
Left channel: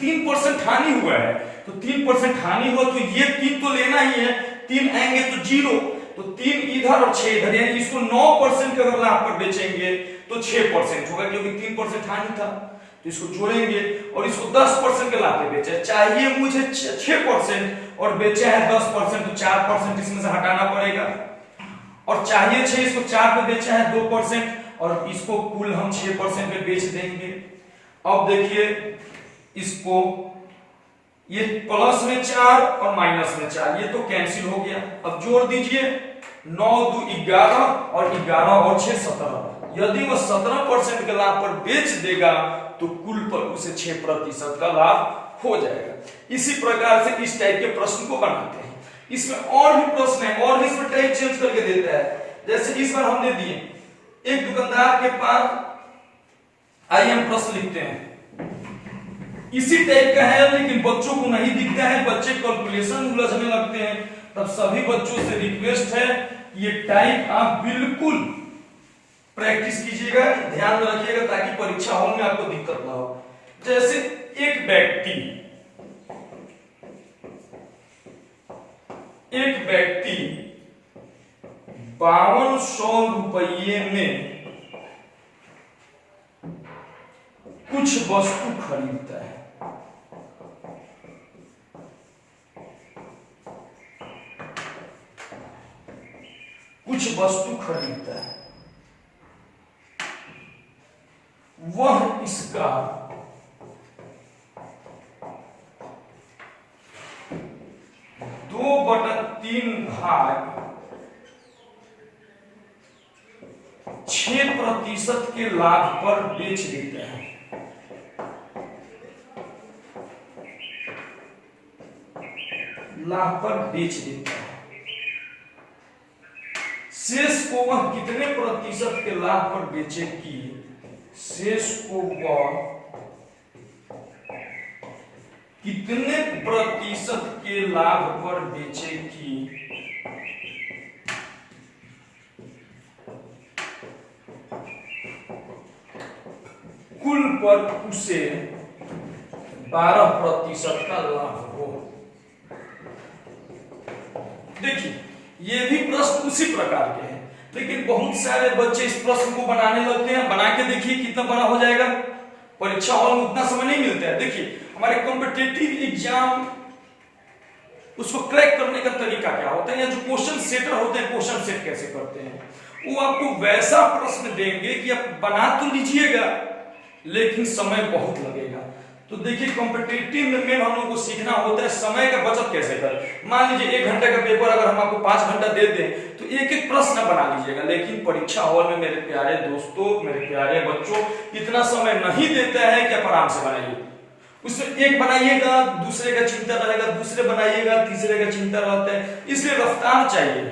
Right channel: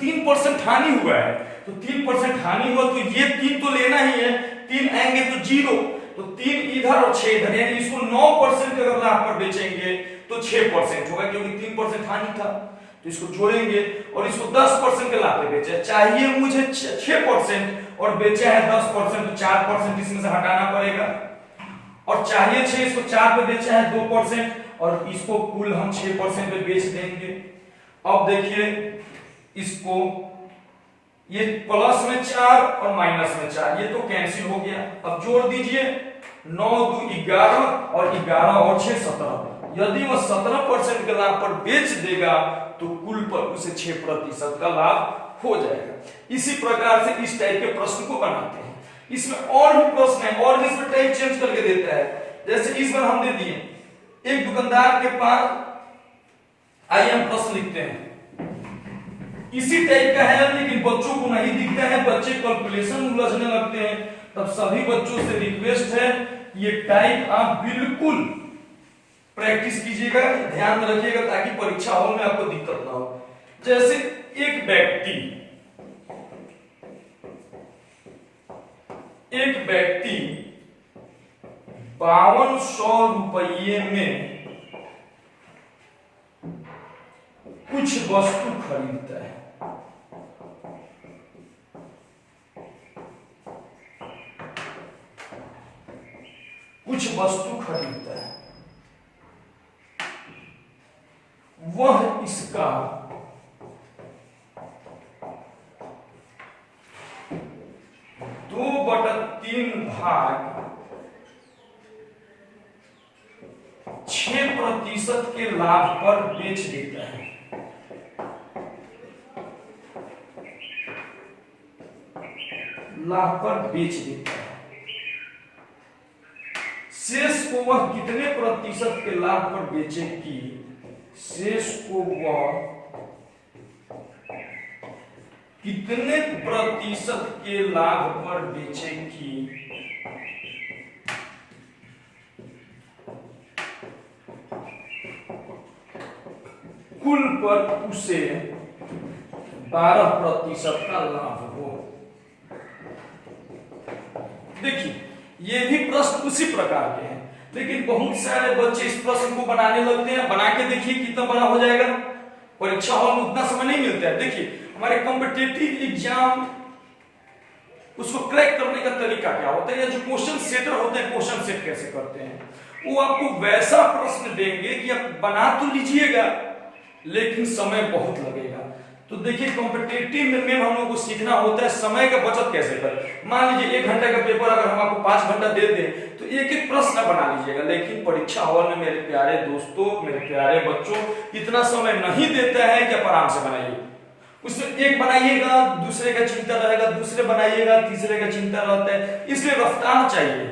3% हानि हुआ है तो 3% हानि हुआ तो ये 3 तो लेना ही है, 3 आएंगे तो 0, तो 3 इधर और 6 इधर, यानी इसको 9% के अगर लाभ पर बेचेंगे तो 6% होगा क्योंकि 3% हानि था, तो इसको जोड़ेंगे और इसको 10% के लाभ पे बेचा, चाहिए मुझे 6% और बेचा है 10% तो 4% इसमें से हटाना पड़ेगा और चाहिए 6, इसको 4 पे बेचा है 2% और इसको कुल हम 6% पे बेच देंगे। अब देखिए इसको ये प्लस में 4 और माइनस में 4 ये तो कैंसिल हो गया। अब जोड़ दीजिए 9 2 11 और 11 और 6 17, यदि वह 17% के लाभ पर बेच देगा तो कुल पर उसे 6% का लाभ हो जाएगा। इसी प्रकार से इस टाइप के प्रश्न को बनाते हैं। इसमें और भी प्रश्न है और इसमें टाइप चेंज करके देता है, जैसे इस बार हमने दिए एक दुकानदार के पास, आइए हम प्रश्न लिखते हैं, इसी टाइप का है लेकिन बच्चों को नहीं दिखता है, बच्चे कैलकुलेशन उलझने लगते हैं, तब सभी बच्चों से रिक्वेस्ट है ये टाइप आप बिल्कुल प्रैक्टिस कीजिएगा, ध्यान में रखिएगा ताकि परीक्षा हॉल में आपको दिक्कत ना हो। जैसे एक व्यक्ति 5200 रुपये में कुछ वस्तु खरीदता है, कुछ वस्तु खरीदता है, वह इसका 2/3 भाग 6% के लाभ पर बेच देता है। लाभ पर बेच देता है, शेष को वह कितने प्रतिशत के लाभ पर बेचेगी, शेष को वह कितने प्रतिशत के लाभ पर बेचेगी, कुल पर उसे 12% का लाभ हो। देखिए ये भी प्रश्न उसी प्रकार के हैं लेकिन बहुत सारे बच्चे इस प्रश्न को बनाने लगते हैं, बना के देखिए कितना बड़ा हो जाएगा, परीक्षा हॉल में उतना समय नहीं मिलता है। देखिए हमारे कॉम्पिटिटिव एग्जाम उसको क्रैक करने का तरीका क्या होता है, या जो क्वेश्चन सेटर होते हैं क्वेश्चन सेट कैसे करते हैं, वो आपको वैसा प्रश्न देंगे कि आप बना तो लीजिएगा लेकिन समय बहुत लगेगा। तो देखिए कॉम्पिटिटिव में हम लोग को सीखना होता है समय का बचत कैसे करें। मान लीजिए 1 घंटे का पेपर अगर हम आपको 5 घंटा दे दें तो एक एक प्रश्न बना लीजिएगा, लेकिन परीक्षा हॉल में मेरे प्यारे दोस्तों, मेरे प्यारे बच्चों, इतना समय नहीं देता है कि आप आराम से बनाइए। उसमें एक बनाइएगा, दूसरे का चिंता रहेगा, दूसरे बनाइएगा, तीसरे का चिंता रहता है, इसलिए रफ्तार चाहिए।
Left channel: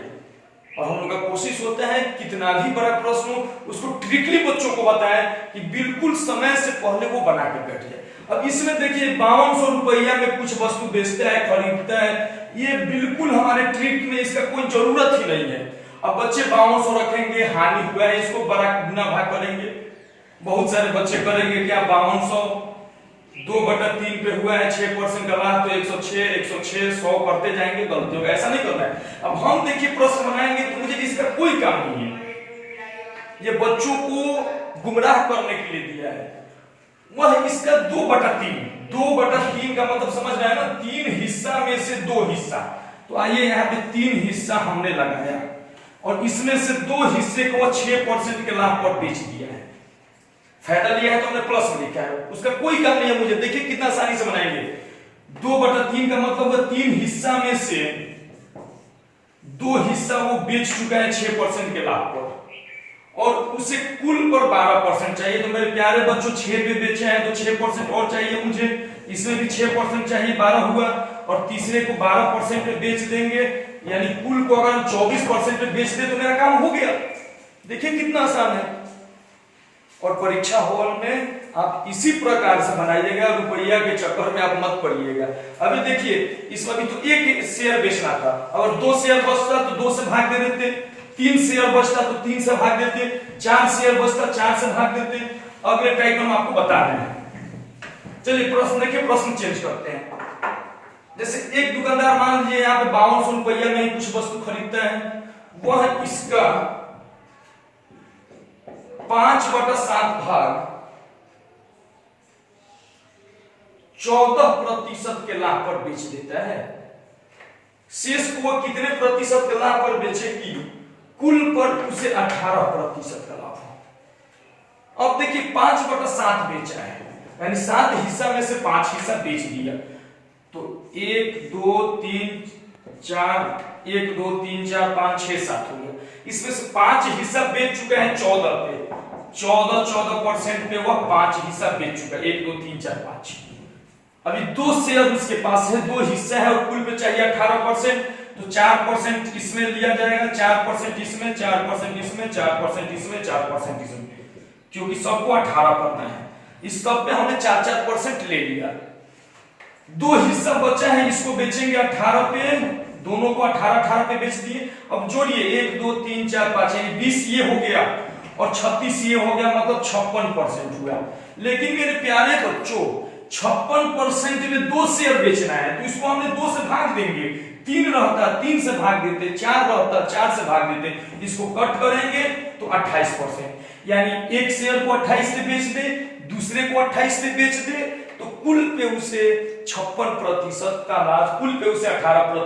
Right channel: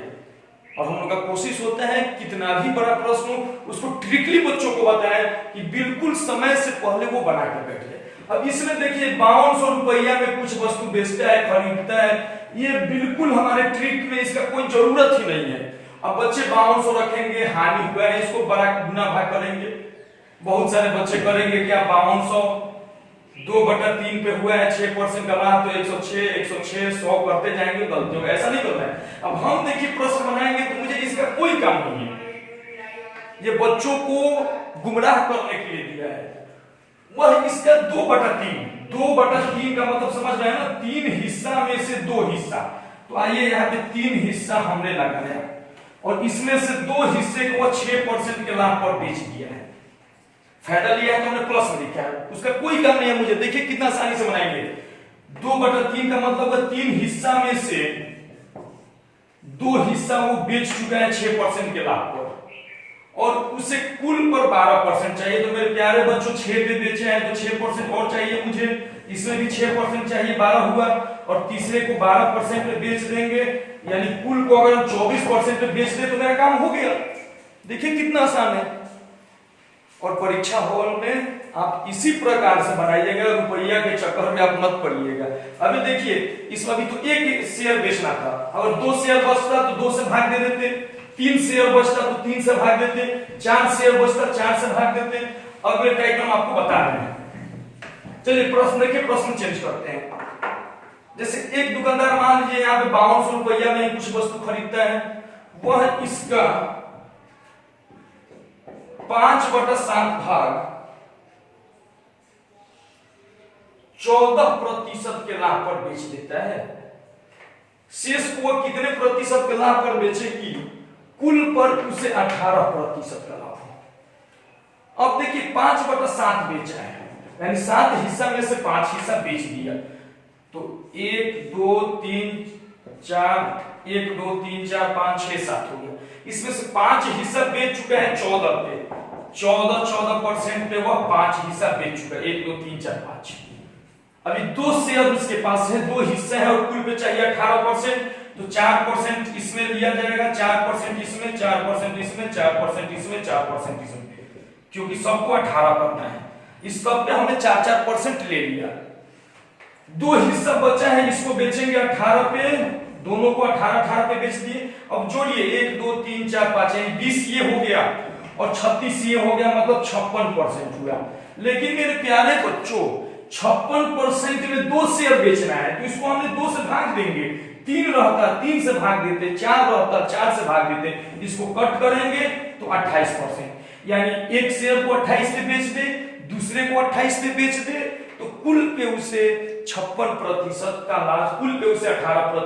और हम लोग का कोशिश होता है कितना भी बड़ा प्रश्न हो उसको ट्रिकली बच्चों को बताएं कि बिल्कुल समय से पहले वो बना के बैठ जाए। अब इसमें देखिए 5200 रुपया में कुछ वस्तु बेचता है, खरीदता है, ये बिल्कुल हमारे ट्रिक में इसका कोई जरूरत ही नहीं है। अब बच्चे 5200 रखेंगे, हानि हुआ है, इसको बड़ा गुना भाग करेंगे। बहुत सारे बच्चे करेंगे क्या, 5200 2/3 पे हुआ है, 6% का लाभ तो 106 106 100 करते जाएंगे, गलती होगा, ऐसा नहीं करना है। अब हम देखिए प्रश्न बनाएंगे तो मुझे इसका कोई काम नहीं है, ये बच्चों को गुमराह करने के लिए दिया है। वह इसका 2/3 का मतलब समझ रहे हैं ना, 3 हिस्सा में से 2 हिस्सा। तो आइए यहाँ पे 3 हिस्सा हमने लगाया और इसमें से 2 हिस्से को 6% के लाभ पर बेच दिया है, फायदा लिया है तो हमने प्लस में लिखा है, उसका कोई काम नहीं है मुझे। देखिए कितना आसानी से बनाएंगे, 2/3 का मतलब 3 हिस्सा में से 2 हिस्सा वो बेच चुका है 6% के लाभ पर, और उसे कुल पर 12% चाहिए। तो मेरे प्यारे बच्चों 6 पे बेचे हैं तो 6% और चाहिए मुझे, इसमें भी 6% चाहिए, 12 हुआ, और तीसरे को 12% पे बेच देंगे, यानी कुल को अगर हम 24% पे बेच दे तो मेरा काम हो गया। देखिए कितना आसान है। और परीक्षा हॉल में आप इसी प्रकार से बनाइएगा, रुपया के चक्कर में आप मत पड़िएगा। अभी देखिए इसमें भी तो 1 शेयर बेचना था, अगर 2 शेयर बचता तो 2 से भाग दे देते, 3 शेयर बचता तो 3 से भाग देते, 4 शेयर बचता 4 से भाग देते। अगले टाइप हम आपको बता रहे हैं। चलिए प्रश्न देखिए, प्रश्न चेंज करते हैं। जैसे एक दुकानदार मान लीजिए यहाँ पे 5200 रुपया में कुछ वस्तु खरीदता है, वह इसका 5/7 भाग 14% के लाभ पर बेच देता है। शेष को वह कितने प्रतिशत के लाभ पर बेचेगी, कुल पर उसे 18% का लाभ हो। अब देखिए 5/7 बेच रहा है, यानी 7 हिस्सा में से 5 हिस्सा बेच दिया, तो 1 2 3 4 1 2 3 4 5 6 7 हो गया। इसमें से 5 हिस्सा बेच चुका है 14 पे, 14% पे वह 5 हिस्सा बेच चुका है, 1 2 3 4 5। अभी 2 शेयर उसके पास है, 2 हिस्से है और कुल पे चाहिए 18%, तो 4% इसमें लिया जाएगा, 4% इसमें, 4% इसमें, 4% इसमें, 4% इसमें, क्योंकि सबको 18 करना है। इस सब पे हमने 4% ले लिया। 2 हिस्सा बचा है, इसको बेचेंगे 18 पे, दोनों को 18 पे बेच दिए। अब जोड़िए 1 2 3 4 5 20 ये हो गया और 36 ये हो गया, मतलब 56% हुआ। लेकिन मेरे प्यारे बच्चों 56% में 2 शेयर बेचना है, तो इसको हमने 2 से भाग देंगे, 3 रहता 3 से भाग देते, 4 रहता 4 से भाग देते, इसको कट करेंगे तो 28%, यानी एक शेयर को 28 पे बेच दे, दूसरे को 28 पे बेच दे, तो कुल पे उसे 56% का लाभ, कुल पे उसे 18%